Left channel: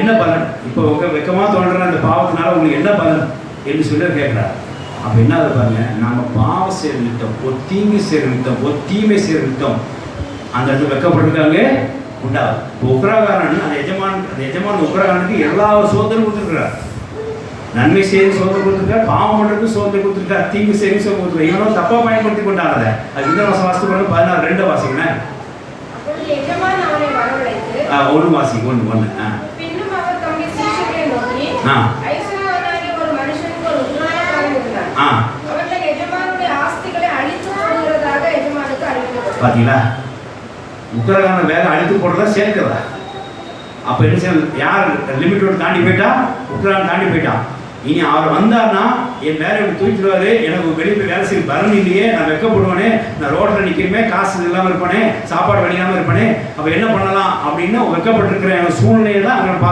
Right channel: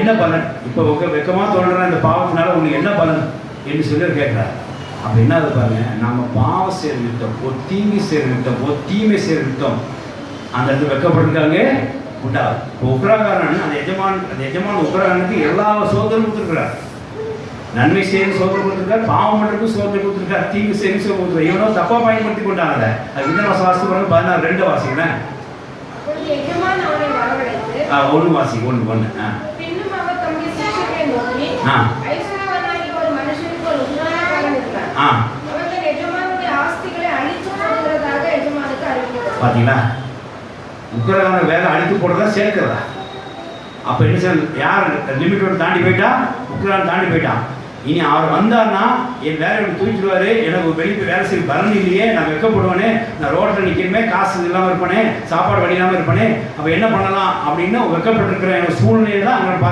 என்ன பலன்? இப்போ வெக்கமாக தோன்ற இந்த பாவத்தினால உங்களுக்கு என்ன பலன் என்று சொல்லி கேட்குறாரு. அப்போ என்ன பாருங்க, நம்ம பாவம் சேர்ந்துட்டோம், ஒரு தீங்கு சேர்ந்துட்டோம், ஒரு தீமை சேர்ந்துட்டோம், அந்த இடத்துல வெக்கப்பட்டிருக்காங்க உண்டாது. இப்போ உக்ரகாரன் அந்த எஜமான் உக்ரகாரனுக்கு எல்லா சோதனையும் கொடுத்துருக்கிறார். நன்மை செய்து சோதனை கொடுத்துருக்கார், பாவம் பண்ணுறதுக்கு சோதனை கொடுத்துருக்கார், தீங்கு செய்து சோதனை கொடுத்துருக்கார். இவனும் தப்பா பயன்படுத்தி கொண்டாங்க. அது இந்த வாசி பண்ண 16:2 வாசிக்கிறேன். ஒன்று வாசி ஒன்று. பார்த்தீங்களா, உக்ரகாரன் வேலை அழித்து போடுறதா சேர்க்கிறதா? அப்போ என்ன செய்ய, யார் லிமிட்டோட தாண்டி போயிட்டா, உக்ரகாரன் தாண்டி போயிட்டான். இனி அவர் வந்தார்னா என் வேலையை தூக்கிடுவாரு, எனக்கு வெளியே வேலை செய்ய பலன் இல்லையே, நான் வெக்கப்படுவேனே, நான் ரோட்டில் நிற்கிறமே, காசு இல்லாமல் இருப்பேனே, சாப்பாடு வழியாமல் இருப்பேனே, அப்போ என்ன பண்ணலாம் அப்படின்னு வெக்கப்பட்டிருக்கிற சூழ்நிலையை தான் அங்கே பார்க்க